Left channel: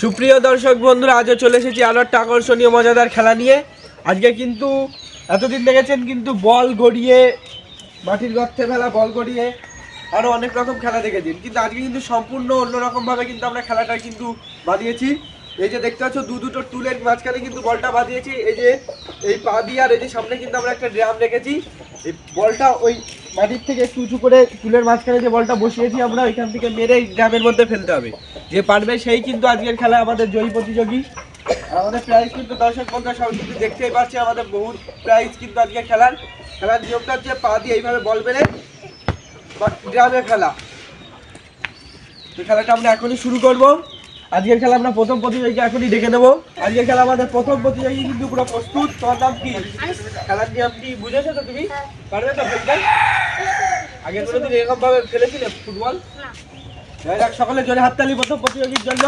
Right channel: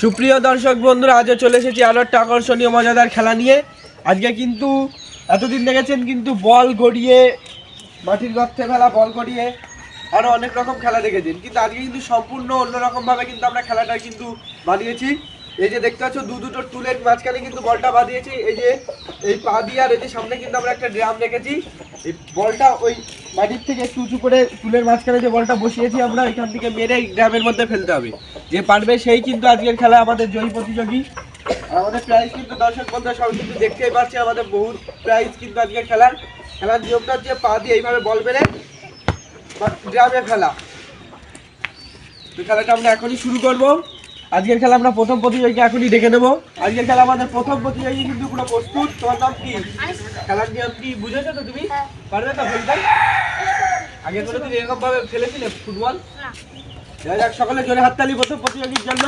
সুপ্রিয় দর্শক বন্ধুরা, আজও চলে এসেছি আরও একটা আকর্ষণীয় মজাদার খেলা নিয়ে। আজকে কিন্তু এতদিন দেখেছেন কিন্তু বল গড়িয়ে, মাটির গর্তে ফেলা বল গড়িয়ে, আরও অনেক রকম খেলা দেখেছেন, কিন্তু আজকে কিন্তু সম্পূর্ণ অন্যরকমভাবে কিন্তু আমরা খেলাটা কিন্তু বানিয়েছি। এই যে দেখতে পাচ্ছ দুটো টুলের মাঝখানে কিন্তু বলটা বাঁধিয়েছি, এই যে এই পা দিয়ে, আর এই যে সামনে কিন্তু আমরা একটা ড্রাম রেখেছি। এই বলটা ওই মাটির থেকে একটু উঁচু করে টুলের মাঝখানে যে বলটা বসিয়েছি আমরা, এখান থেকে মেরে ড্রামের মধ্যে ফেলতে হবে। যে পারবে সেই কিন্তু আজকের খেলা আমাদের জয়ী প্রতিযোগী। আমাদের প্রাইজ কিন্তু দর্শক বন্ধুরা সবাই কিন্তু দেখতেই পাচ্ছে, আমাদের বহু প্রাইজ কিন্তু আজকের খেলার নিয়মটা হচ্ছে পা দিয়ে এইভাবে বল মেরে ড্রামে ফেলা। তো খেলাটা আমরা এখনই শুরু করব। আজকের খেলা আমরা প্রথম প্রতিযোগী এখনই দেখে নেব। আজকের খেলা আমাদের প্রথম প্রতিযোগী কিন্তু পুরো প্রস্তুত। তোমার নাম কি? খেলার নিয়ম কি বুঝেছো তো? তুমি পারবে তো ফেলতে? আগের কোনোদিন এরকম ভাবে ফেলেছিলে ফুটবল? যাক, সকলে জোরে হাততালি প্রথম প্রতিযোগীর জন্য।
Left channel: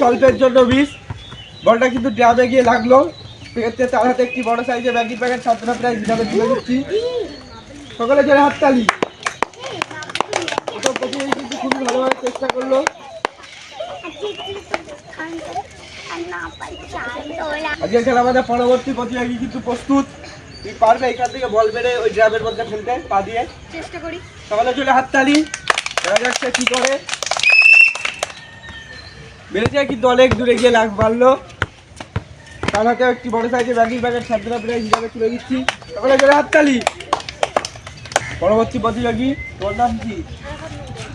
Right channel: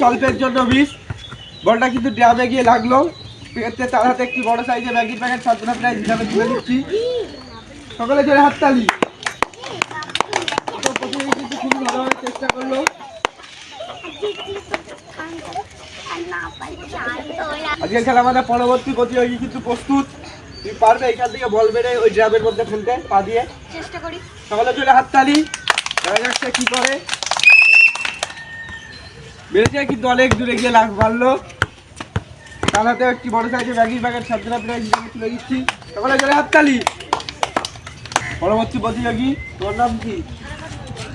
স্বল্পের জন্য মিস। বলটা কিন্তু ড্রামে গিয়ে লাগলো। সেক্ষেত্রে তার হাতে একটি বড় সাইজের ম্যাগি প্যাকেট ছাত্ররা প্রায় হিসাবে তুলে দিচ্ছি। সকলে জোরে হাততালি। কিন্তু খুবই ভালোভাবে চেষ্টা করলো। আজকের খেলা আমাদের পরবর্তী প্রতিযোগী কিন্তু প্রস্তুত। তুমি পারবে এখান থেকে বল মেরে ওই ড্রামের মধ্যে ফেলতে পা দিয়ে? চেষ্টা করি। সকলে জোরে হাততালি। দেখা যাচ্ছে কি করে। বেড়েছে কিন্তু অনেক দূরে গিয়ে লাগ মারলো। তার হাতে একটি বড় সাইজের ম্যাগি প্যাকেট ছাত্ররা প্রায় হিসাবে তুলে দিচ্ছি। সকলে জোরে হাততালি। পরবর্তী প্রতিযোগী, তোর নাম কি?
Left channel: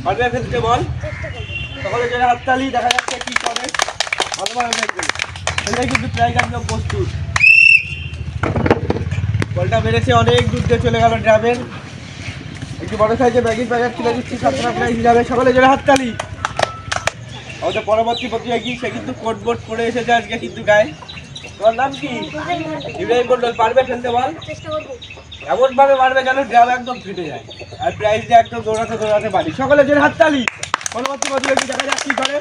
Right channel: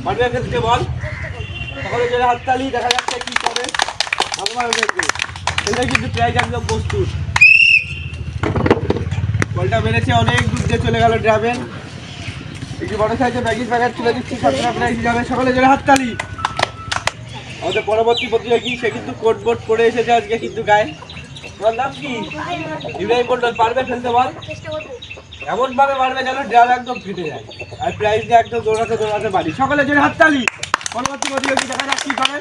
পারবে ফেলতে বল? সকলে জোরে হাততালি। দেখা যাচ্ছে কি করে। ভালোভাবে ফেলবে। সেটা কিন্তু প্রায় একদম প্রস্তুত। বলটা মেরেছে, অনেক দূর দিয়ে চলে গেল ড্রামে। একটি বড় সাইজের ম্যাগির প্যাকেট তুলে দিচ্ছি ছাত্ররা প্রায় হিসাবে। সকলে জোরে হাততালি। আমাদের পরবর্তী প্রতিযোগী, সে কিন্তু কোট বোট করে এসেছে আজকে কিন্তু গায়ে। তোমার নাম কি? ইব্রাহিম মন্ডল। পারবে ফেলতে বল? এমন ভাবে মারবে যেন ড্রাম একদম ফেটে যায়, আর প্রাইজ দিয়ে একদম দৌড়াতে পারি। সকলে জোরে হাততালি। পরবর্তী প্রতিযোগী দেখা যাক কি করে।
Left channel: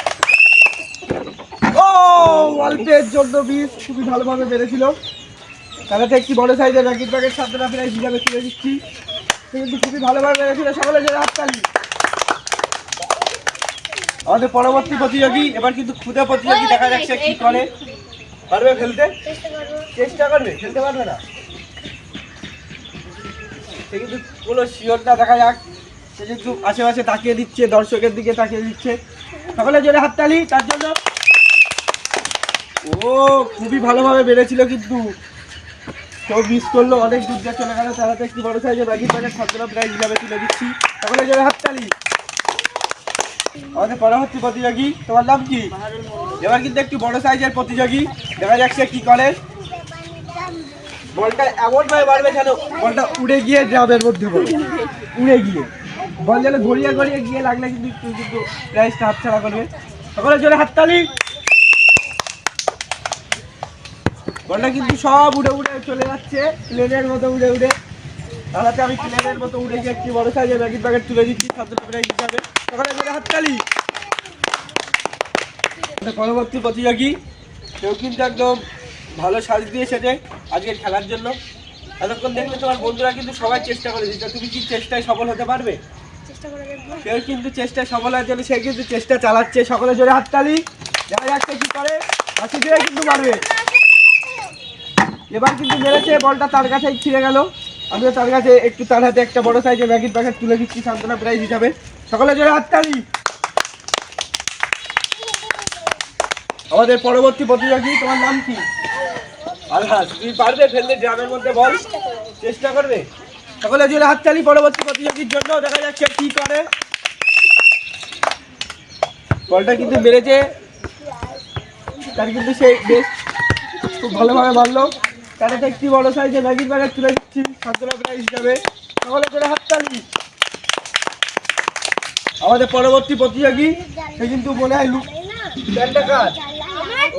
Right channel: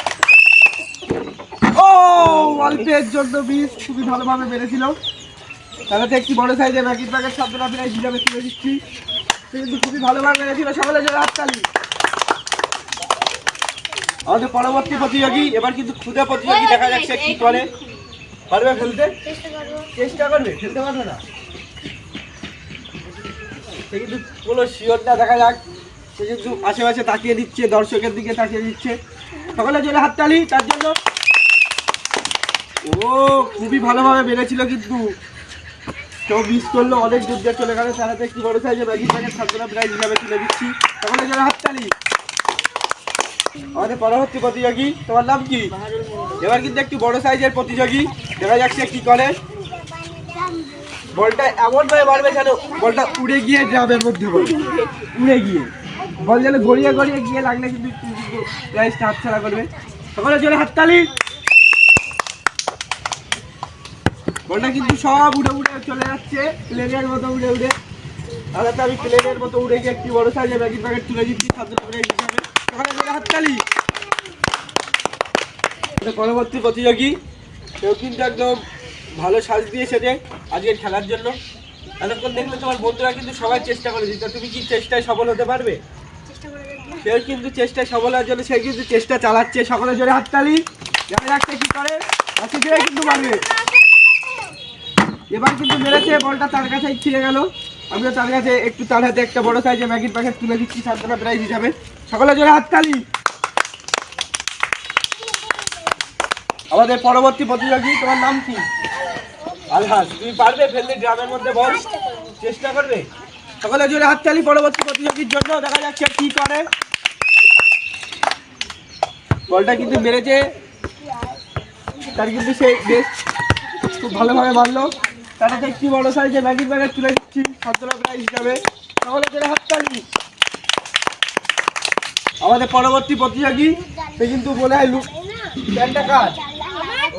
ও, অল্পের জন্য মিস। খুবই ভালোভাবে মেরেছিল। তাহলে একটি বড় সাইজের ম্যাগির প্যাকেট ছাত্ররা প্রায় হিসাবে তুলে দিচ্ছি। সে কিন্তু খুবই ভালোভাবে মেরেছিল। সকলে জোরে হাততালি। আমাদের পরবর্তী প্রতিযোগী এবার কিন্তু খুদে প্রতিযোগী, দেখা যাচ্ছে কি করে। পারবে ফেলতে? চেষ্টা করবে, ফেলতে পারবে না। সে কিন্তু কোনো শিওর না, দেখা যাক। সে কিন্তু আশেপাশে তাকিয়ে দিচ্ছে, দর্শকের দিকে তাকিয়ে দিচ্ছে। সকলে জোরে হাততালি তার জন্য। ও, খুবই ভালোভাবে বেড়েছিল, কিন্তু কেউ মিস করলো, অনেক দূর দিয়ে চলে গেল। তার হাতে একটি বড় সাইজের ম্যাগি প্যাকেট ছাত্ররা প্রায় হিসাবে তুলে দিচ্ছি। সকলে জোরে হাততালি। আমাদের পরবর্তী প্রতিযোগী, তোমার নাম কি? এবার কিন্তু একটি বড় সাইজের প্রতিযোগী, দেখা যাচ্ছে কি করে। বলটা এমন ভাবে মারবে যেন বলটা উড়ে গিয়ে ড্রামের মধ্যে পড়ে। উড়ে গিয়ে বল যেন গড়িয়ে গিয়ে লাগলে কিন্তু প্রাইজটা হাতছাড়া করবে। সকলে জোরে হাততালি। বলটা কিন্তু সব উড়ে চলে যাচ্ছে, প্লেনের মতো উড়ে। তাহলে আমি প্লেনের মতো উড়ে গিয়ে একটি বড় সাইজের ম্যাগি প্যাকেট তুলে দিচ্ছি ছাত্র প্রাইজ হিসাবে। সকলে জোরে হাততালি। পরবর্তী প্রতিযোগী, কেউ কিন্তু একদম ভালো সাজ দিয়ে সেজে আজকের খেলার জন্য। এতক্ষণ দেখলে তোমার বন্ধুরা কিন্তু সবাই চেষ্টা করে দিচ্ছে। তুমি কি চেষ্টায় সফল হতে পারবে? কেউ কিন্তু চেষ্টায় সফল হওয়ার জন্য সে কিন্তু চেষ্টা চালাচ্ছে। সকলে জোরে হাততালি। দেখা যাচ্ছে কি করে। কিন্তু পারবে। এবার কিন্তু মেরেছে, বলটা তার কাছে ছিঁড়ে গেল। আমিও তার কাছে একটু, তার হাতে একটা বড় সাইজের ম্যাগির প্যাকেট তুলে দিচ্ছি সান্ত্বনা প্রাইজ হিসাবে। সকলে জোরে হাততালি। আমাদের পরবর্তী প্রতিযোগী, তোমার নাম কি? আলহাজ। তুমি পারবে ফেলতে ড্রামের মধ্যে বল? চেষ্টা করবে। সকলে জোরে হাততালি পরবর্তী প্রতিযোগীর জন্য। দেখা যাচ্ছে কি করে। বলটা কিন্তু মেরেছে, তার কিন্তু সে বেশ খুব ভালোভাবে মারলো। তার কাছে একটি বড় সাইজের ম্যাগির প্যাকেট তুলে দিচ্ছি ছাত্ররা প্রাইজ হিসাবে। সকলে জোরে হাততালি। আমাদের পরবর্তী প্রতিযোগী, সে কিন্তু মনে হয় প্যান্টটা কার?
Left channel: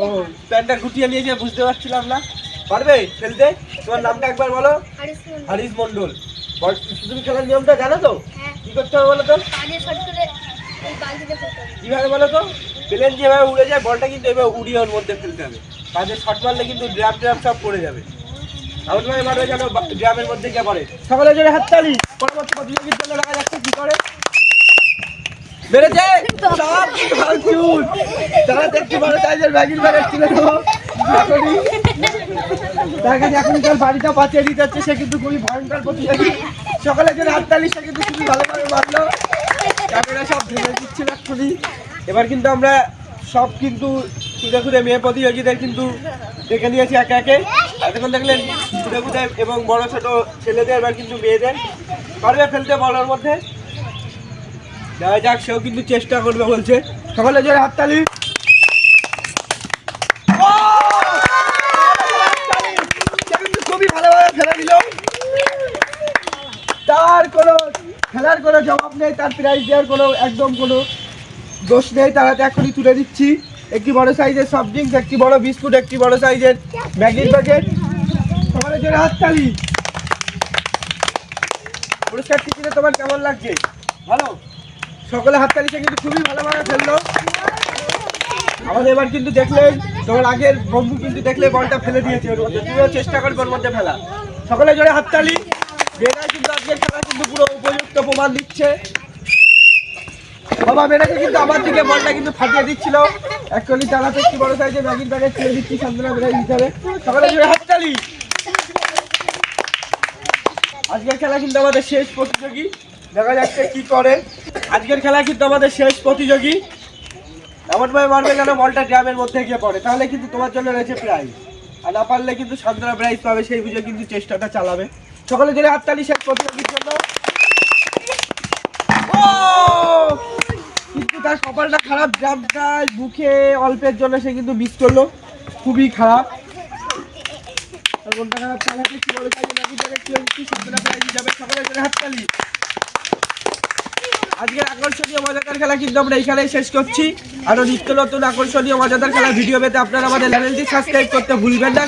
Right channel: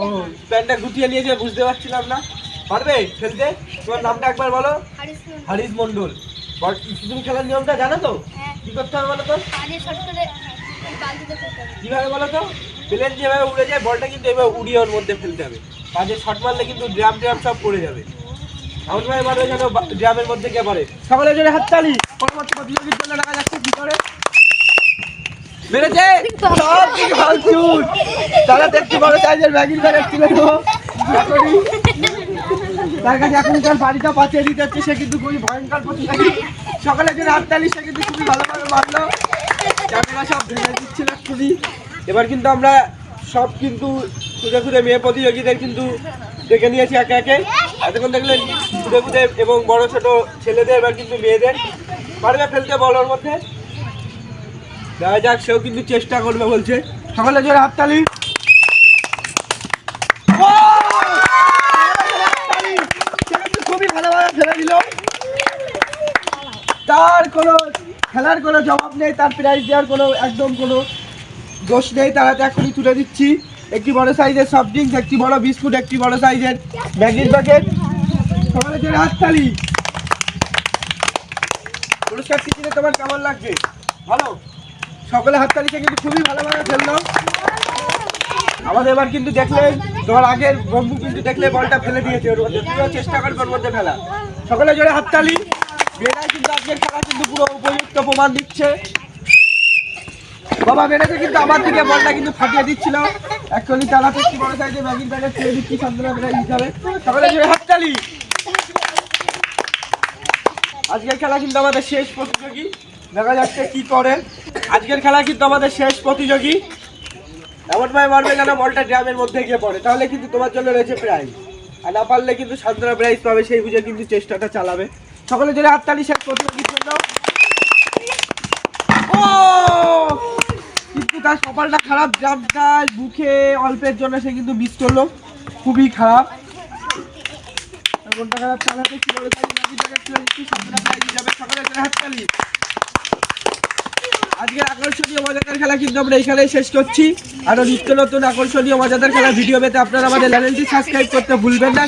ও, প্যান্টটা গুটিয়ে নিয়েছে, বুঝতে পারছিলাম না। পারবে ফেলতে? তোমার নামটা একবার বলো। হারিস মন্ডল। তুমি খেলার নিয়মটা জানো তো? কি করতে হবে বলো তো? কিভাবে বলো তো? প্লেন যেভাবে উড়ে যায়, বলটা কিন্তু এভাবে উড়িয়ে ওর মধ্যে ফেলতে হবে। পাঁচে শট মারলে কিন্তু ড্রাম সব পড়ে যাবে। এমন ভাবে মারবে যেন ড্রামের মধ্যে গিয়ে পড়ে। সকলে জোরে হাততালি। পরবর্তী প্রতিযোগীর জন্য দেখা যাচ্ছে কি করে। বেড়েছে সব কিছু ভাঙচুর। তারা একটু বড় সাইজের ম্যাগির প্যাকেট তুলে দেবো এখনই। তার কাছে এখনকার বাড়িটা পাঠিয়ে দিতে হচ্ছে, সে কিন্তু খুবই ভয়ঙ্কর প্রতিযোগী। সকালে যে হাততালি সে কিন্তু খুবই ভালোভাবে মারলো, ক্যামেরা সব ভেঙে দিচ্ছিল এক্ষুনি। এবার কিন্তু আমরা সব কিন্তু খুঁজে খুঁজে মেয়ে প্রতিযোগীদের কিন্তু দেখে নিয়েছি একে একে। এতক্ষণ দেখলেন খুঁজে খুঁজে এবং বড় ছোট ছেলেদের, এবার কিন্তু মেয়েদের পারবে ফেলতে বলার মধ্যে। দেখা যাক, সেও কিন্তু চেষ্টা করবে বলছে। সকালে জোরে হাততালি। খুবই ভালোভাবে ফেলে দিল, তার কোনো খেলার কোনো জবাব নেই, তার প্রাইজ দেওয়ার কোনো একদম কোনো দোষ নেই। তারা এখনই তুলে দিচ্ছি একটি বড় সাইজের সফট ড্রিঙ্কস, একটি বড় বিস্কুট, একটি বড় সাইজের ম্যাগির প্যাকেট। সকালের জন্য হাততালি। পুরস্কারটি কিনে তোমার কেমন লাগছে? ভালো? সকলে হাততালিটা কিন্তু খুবই ভালোভাবে ফেললো। আমাদের এবার কিন্তু দেখলেন তোমার আগের বন্ধু কিন্তু দেখলে বলটা ফেলে দিয়েছে ওর মধ্যে, তুইও চেষ্টা করবি ওর মধ্যে ফেলা। সকলে জোরে হাততালি। মেয়েরাই কিন্তু আজকের খেলা কিন্তু পুরো উপযুক্ত প্রমাণ দিচ্ছে। বাবা মেয়েরাকে কিন্তু আমার দিকে বলটা কিন্তু ফাটিয়ে দিচ্ছিল। এক্ষুনি চালাতে একটি বড় সাইজে ম্যাগির প্যাকেট ছেড়ে দিচ্ছি সান্ত্বনা মেয়েরা হিসাবে। সকলে জোরে হাততালি। আজকের খেলা কিন্তু আমাদের শেষ প্রতিযোগী, দেখা যাচ্ছে কি করে। আজকের খেলা কিন্তু আমাদের শেষ প্রতিযোগী। এমনভাবে মারবে যেন বলটা ড্রামের মধ্যে গিয়ে পড়ে, তাহলে কিন্তু তোমার জন্য রয়েছে প্রাইজ। আর না পারলে কিন্তু সান্ত্বনা প্রাইজ পাবে, সেই বুঝে কিন্তু চেষ্টাটা চালাবে। সকলে জোরে হাততালি শেষ প্রতিযোগীর জন্য। ও কিন্তু তার কপালটা খারাপ, ড্রামটা বুকে অল্পের জন্য সে কিন্তু মিস করলো, খুবই খারাপ। কোনটা খারাপ চালাতে কি বলে তাই সান্ত্বনা প্রাইজ যাবে। সকলে জোরে হাততালি। আজকের আকর্ষণীয় মজাদার খেলা কিন্তু আমরা এই খেলায় শেষ করছি। আরো নিত্য নতুন আকর্ষণীয় মজাদার খেলা ভিডিও পেতে আপনারা আমাদের চ্যানেলটি সাবস্ক্রাইব করতে ভুলবেন না।